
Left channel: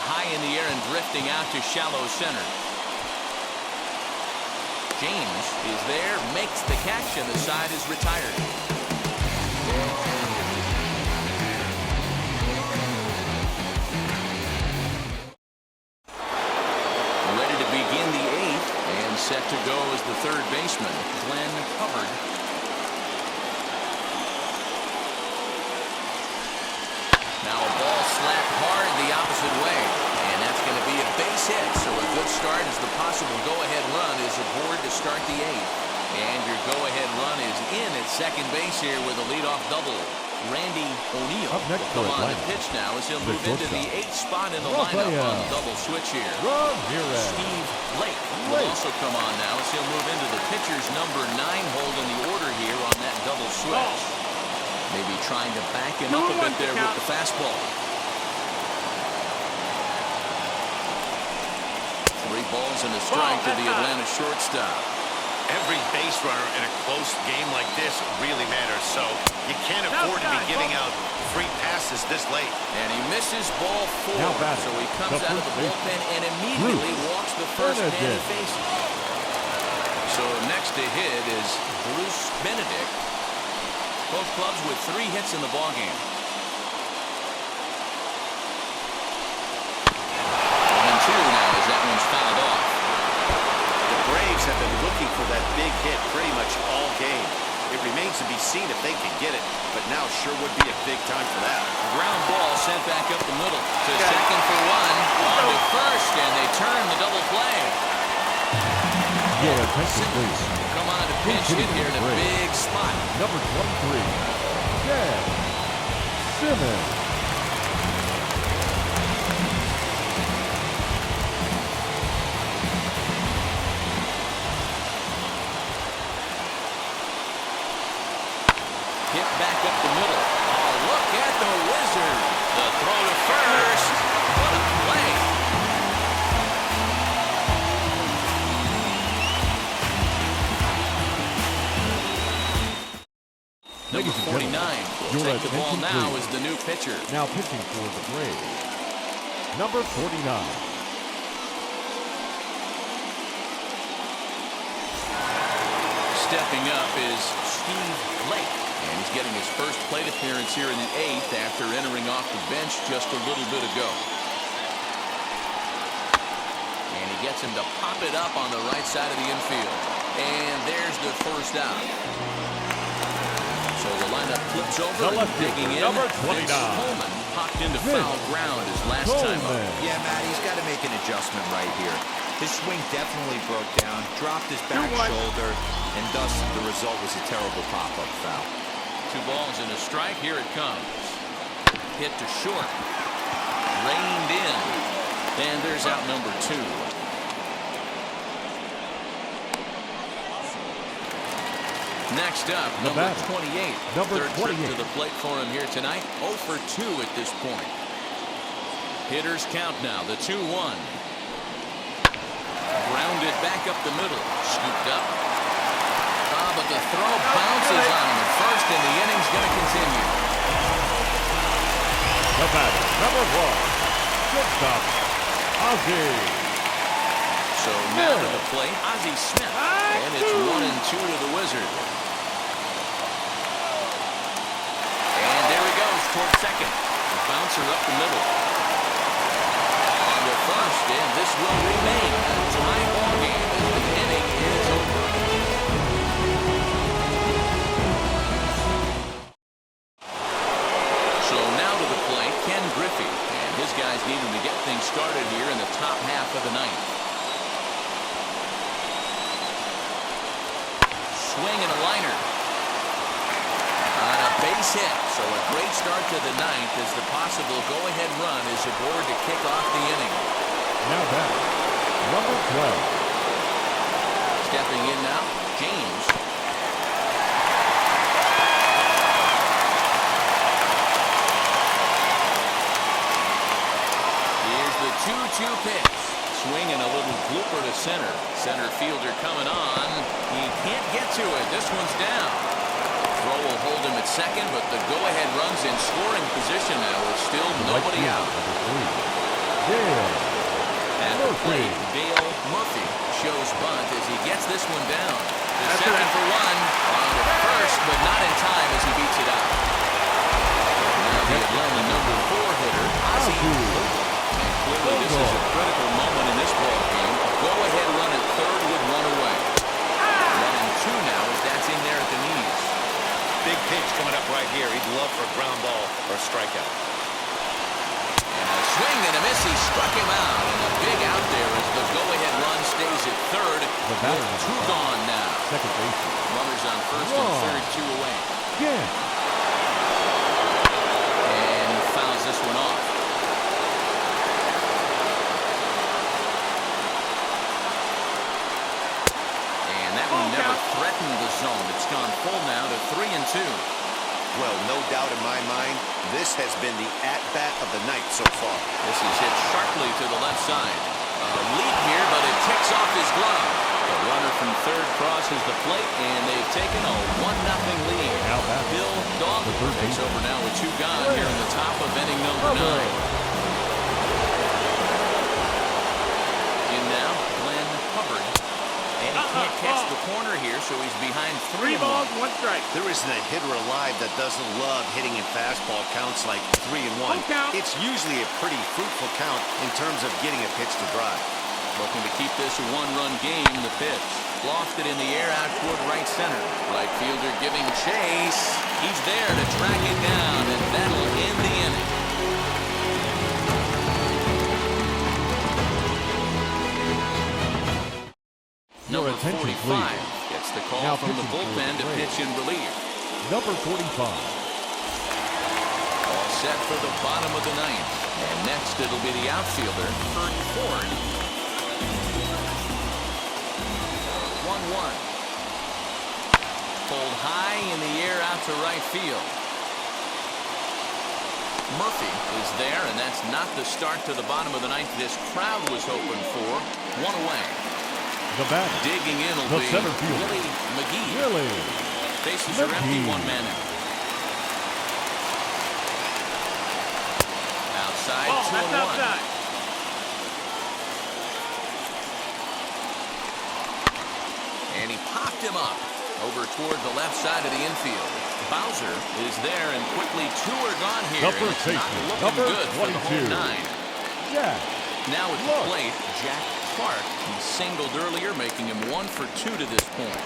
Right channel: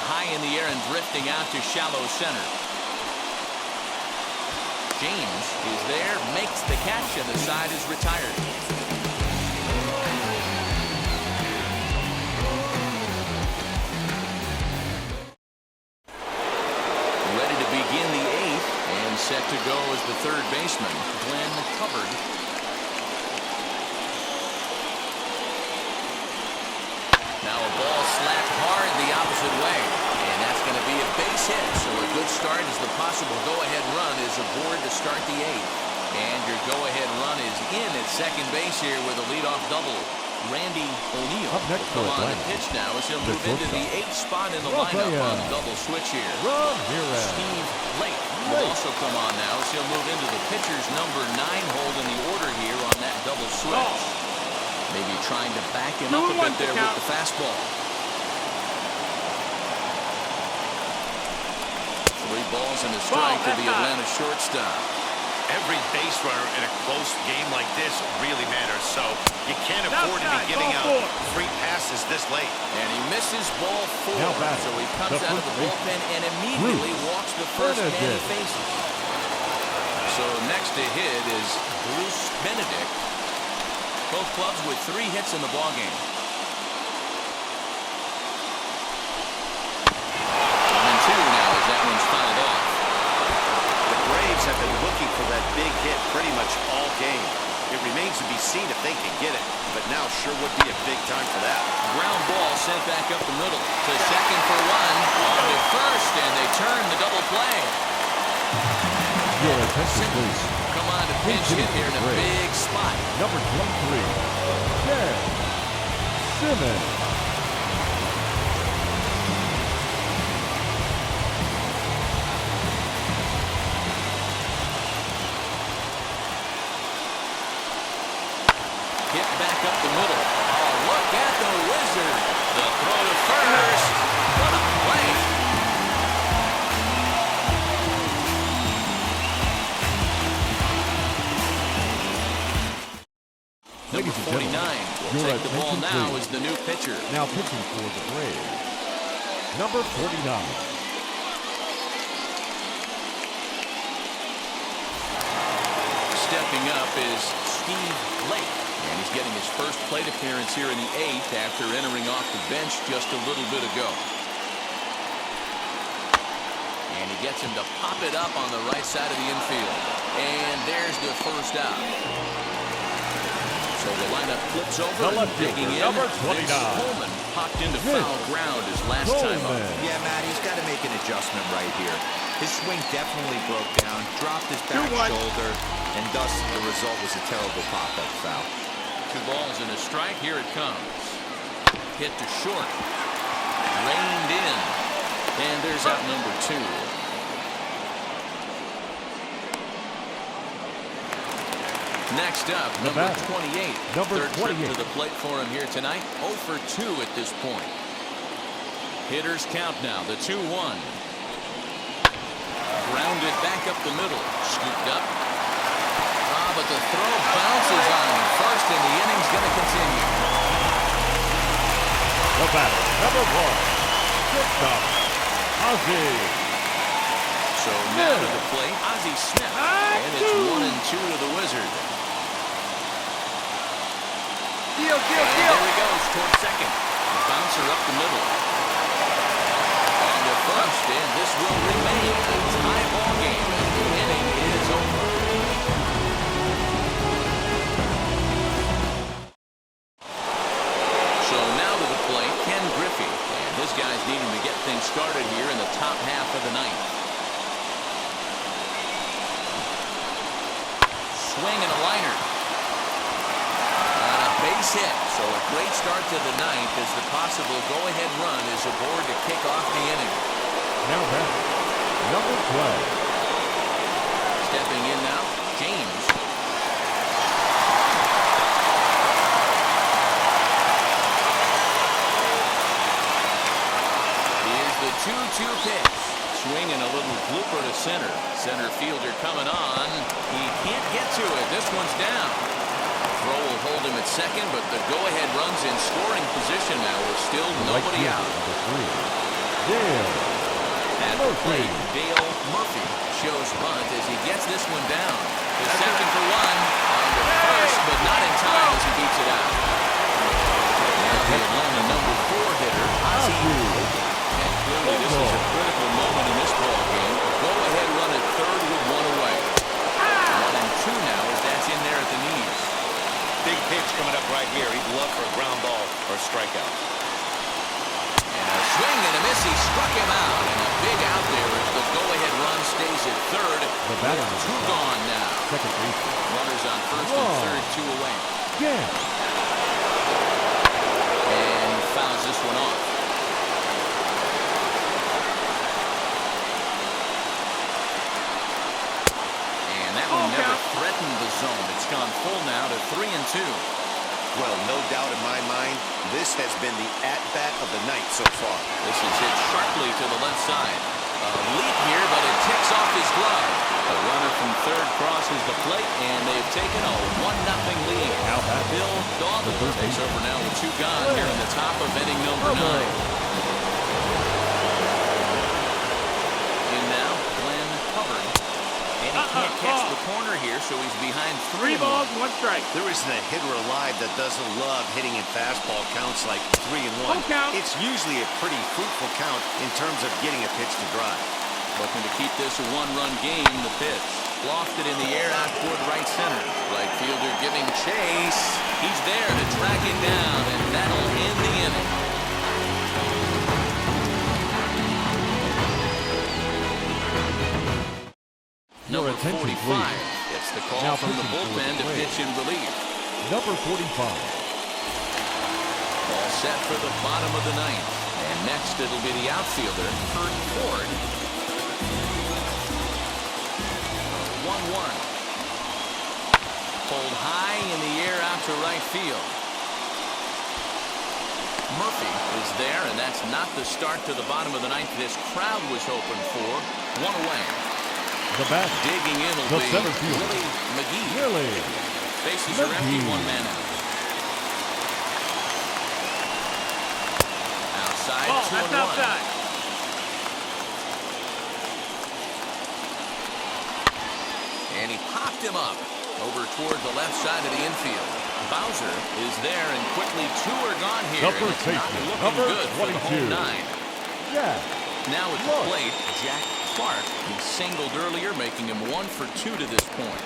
High in the air and drifting out to shallow center. James is there, makes the catch, and the side is retired. Ready to begin the 8th, and set to go as the third baseman, Glenn Hubbard. Now a ball slapped hard the opposite way, and that's going to be a base hit. So a good start as the possible go-ahead run is aboard to start the 8th. And your go-ahead run is in at second base here with a leadoff double. Randy O'Neal will come on to pitch now as he'll move into the 8th spot in the lineup on the double switch here. Steve Lake will also come on now as he'll move into the pitcher's number 9 hold in the order here on that double switch. Maybe trying to back him up a bit there with the fastball. 3 balls and a strike to the Atlanta shortstop. Every base runner in a close game like this really matters, so you can't afford to be giving out free passes this late. And he misses ball 4, so he comes out of the bullpen and immediately walks the first man he faces. So next to hit is Bruce Benedict. Both clubs with 3 hits in the ballgame. 1-2 now as that one's fouled off. The Braves have been looking for that big hit pretty much all game. It remains to be seen if they can get it, but now sure would be a big time for that. Ground ball sent back up the middle to second for 1. On to first, and they turn the double play. Your attention, please. Come on to pinch hit here in a big spot. Number 23, Chad Simmons. Hit back up the middle. Oh, look at the Wizard. The throw to first. What a play. Number 49 will take the ball now as the new pitcher. Now pitching for the Braves, number 49. Stepping up is Steve Lake. And he's getting his first plate appearance here in the 8th after entering off the bench just a little bit ago. And he gets him to pop it up on the right side of the infield. And there's the first out. So the lineup flips over, and digging in. Number 29. Coleman popped into foul ground his last time up. Yeah, Matt, he's got to make an adjustment right here. His swing definitely broke down, dropped his back shoulder, and thus the result was a terrible pop-up foul. 2 balls and a strike. Here it comes. Hit to short. Reined in. And there's out number 2. Next up, number 28. Third trip to the plate for him here tonight. 0 for 2 at this point. Hitters count now. The 2-1. Grounded back up the middle. Scooped up. but the throw bounces on him at first, and the inning's going to continue. The batter, number 1, shortstop, Ozzie. So now to the plate, Ozzie Smith, and it's 1-2 to the Wizard. And there he goes towards second. The bouncer up the middle. On to first, and this will remain a tie ball game as the inning is over. So now to the plate, Ken Griffey, and his guys need him to get things started here in the top half of the ninth. Swing and a liner. On a base hit, so a great start to the ninth as the possible go-ahead run is aboard to kick off the inning. Now that, number 12. Stepping in now, James. Here's the 2-2 pitch. Swing and a little blooper to center. Center fielder coming on. He can't get to it. This one's down. Throw will hold him at second, but the go-ahead run's in scoring position now with still nobody out. Number 3, Dale At the plate, Dale Murphy shows bunt as he gets this one down. To second for one. On to first, but not in time as he beats it out. Now the Atlanta number 4 hitter, Ozzie. And clearly this is a critical moment in this ball game. Go-ahead run at third with one away. 1-2 now as that's in there at the knees. Big pitch coming up right here. He'd love for a ground ball or a strikeout. And a swing and a miss. He struck him out. And a big out there as the go-ahead run stays at third. The batter with 2 gone now. Second baseman. Runners on first and third, 2 away. Yeah. And he fouls this one off. And that one never threatened the zone. It's gone full now to 3-2. Well, no doubt in my mind, this has been the at-bat of the night so far. This is hit sharply to the left side. A leap here, but it ticks off his glove. The runner from third crosses the plate, and they've taken a 1-0 lead. Now back. Bill Dawson takes over now with 2 gone here in the top of inning number 9. In now, Glenn Hubbard. And he can't catch the corner here, so he's behind 3 balls, 1 strike. There isn't a hitter alive that doesn't love hitting in fastball counts like 3-1. It's usually a pretty fruitful count in terms of getting a pitch to drive. Looking to keep this a 1-run game, the pitch. Lofted in the air out toward right center. Right fielder giving chase. He's there to track it down, and that'll end the inning. Number 45 gets the call now from the bullpen to pitch in relief. Number 45. All set for the bottom of the ninth. And next it'll be the outfielder, Kurt Ford. 1-1. Pulled high in the air out to right field. Murphy is there, and that's not the start to the bottom of the ninth this crowd was hoping for. 1 away. The batter. Digging in will be center fielder, Willie McGee. Willie. Bases are empty, 1 man out. Outside, 2-1. Outside. And he popped him up over toward the left side of the infield. Bowser is there, and quickly 2 are gone here. And it's not looking good for the home 9. Yeah. Now at the plate, Jack Clark. He singled earlier, making him 1 for 2 to this point.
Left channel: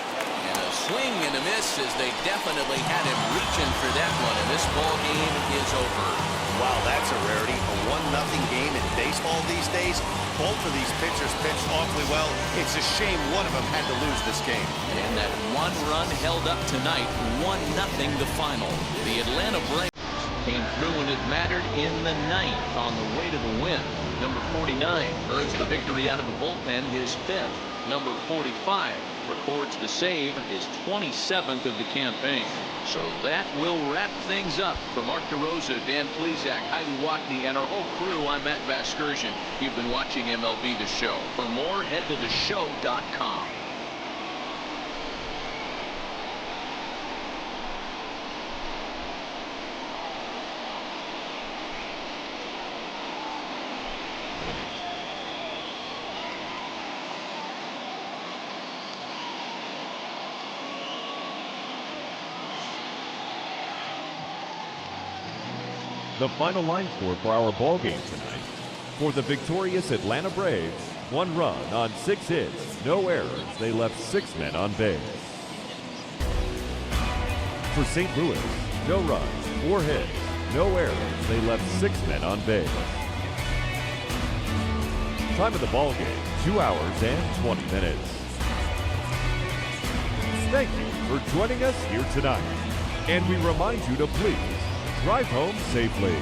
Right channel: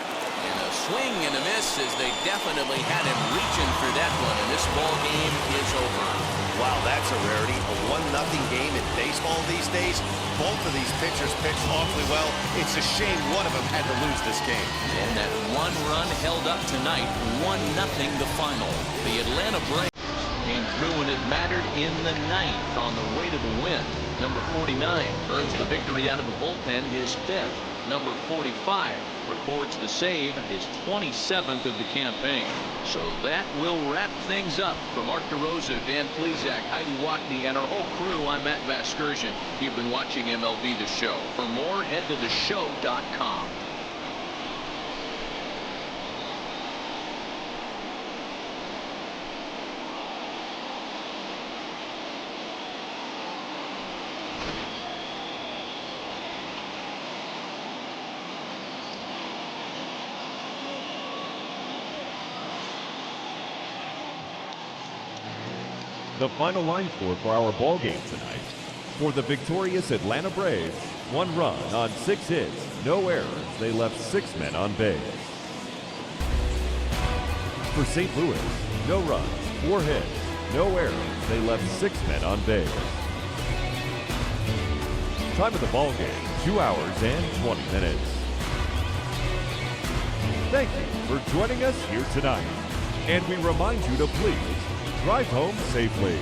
And a swing and a miss as they definitely had him reaching for that one, and this ball game is over. Wow, that's a rarity. A 1-0 game in baseball these days. Both of these pitchers pitched awfully well. It's a shame one of them had to lose this game. And that 1 run held up tonight, 1-0 the final. The Atlanta Braves came through when it mattered in the ninth on the way to the win. Number 49 earns the victory out of the bullpen, his 5th. Number 45 records the save, his 27th of the campaign. So that will wrap things up. For Mark DeRosa, Dan Plesac, Heidi Watney, and our whole crew, I'm Matt Vasgersian. You've been watching MLB The Show. For more, head to TheShow.com. The final line score for our ball game tonight. For the victorious Atlanta Braves, 1 run on 6 hits, no errors. They left 6 men on base. For St. Louis, no runs, 4 hits, no errors. They left 6 men on base. Time of the ball game, 2 hours and 20 minutes. Thank you for joining us here tonight. And we remind you to please drive home safely.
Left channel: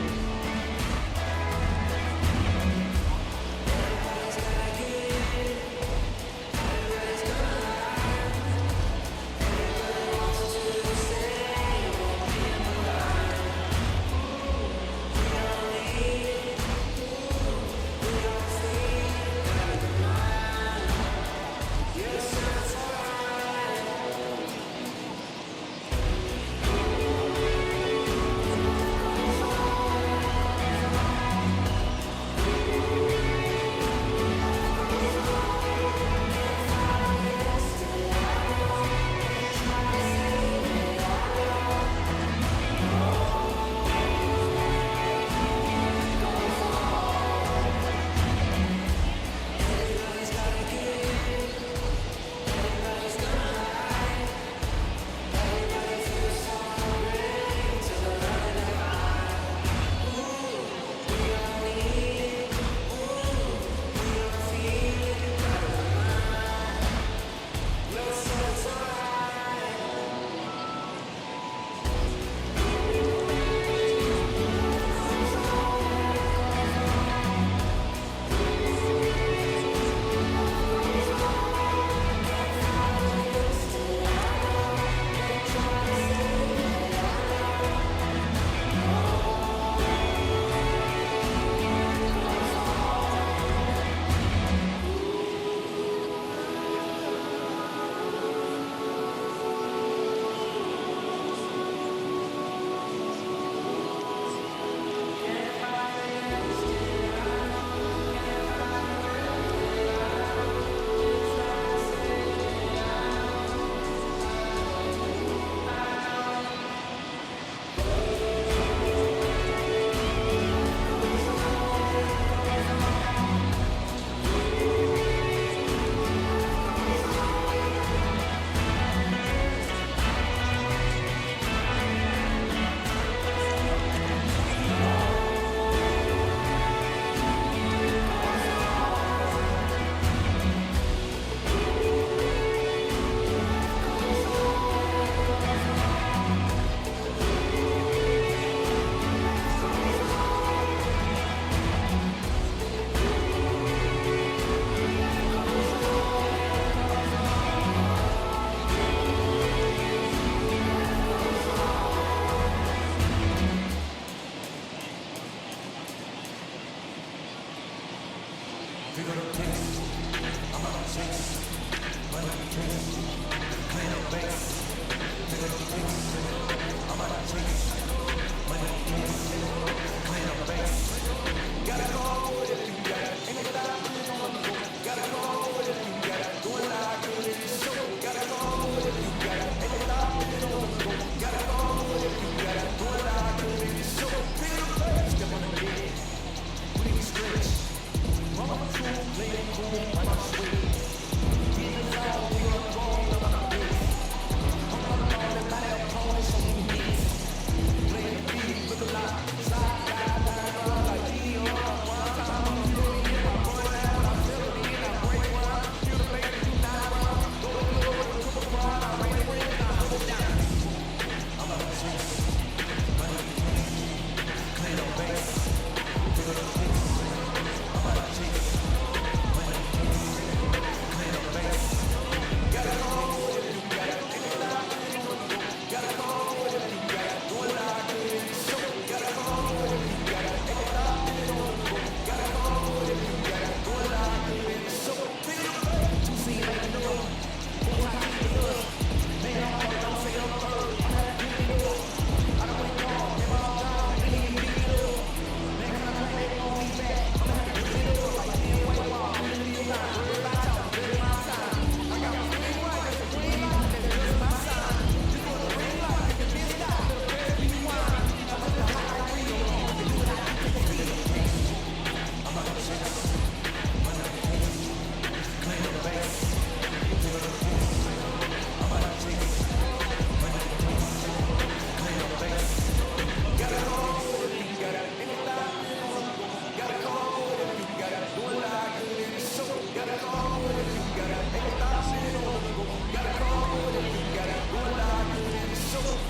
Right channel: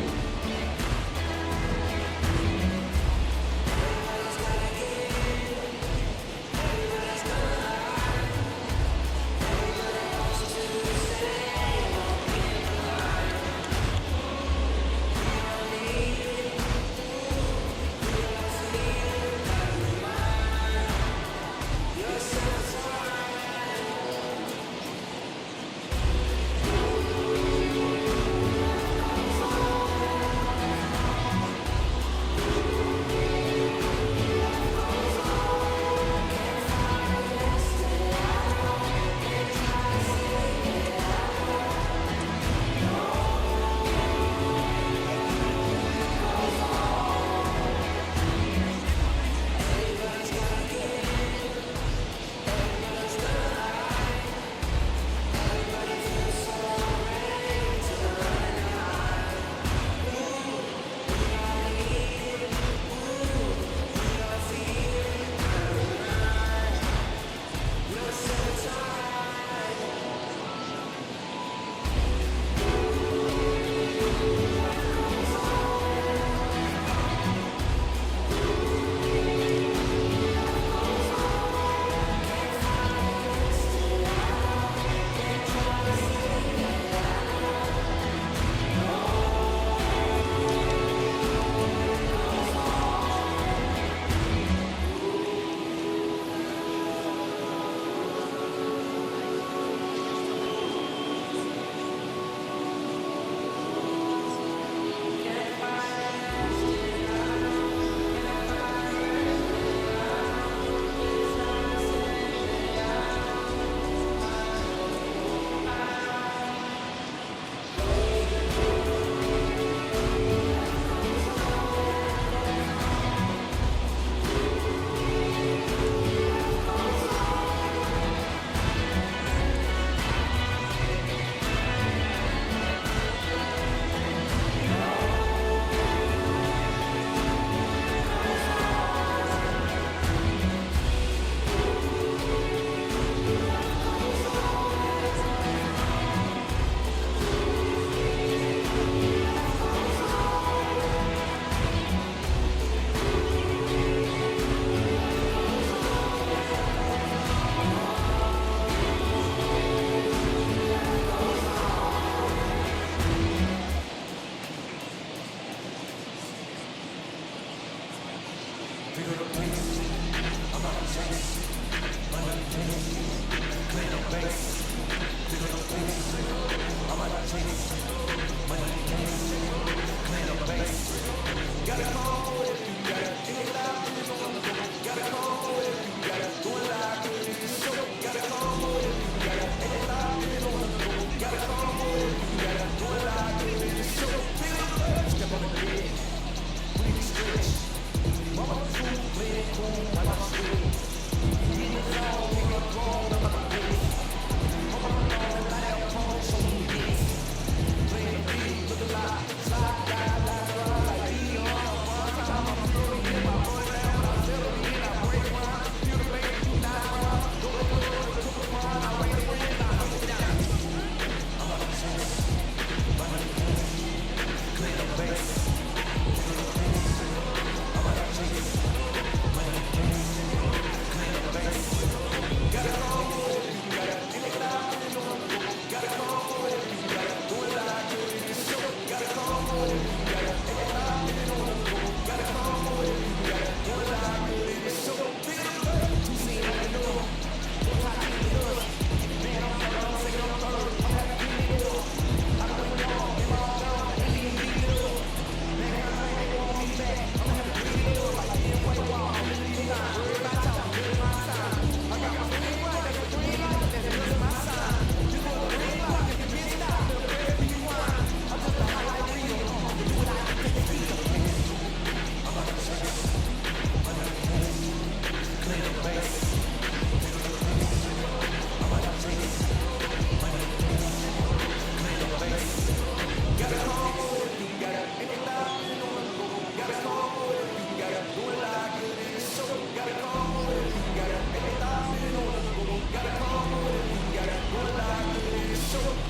Doing live, but it is so